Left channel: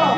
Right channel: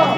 Oh.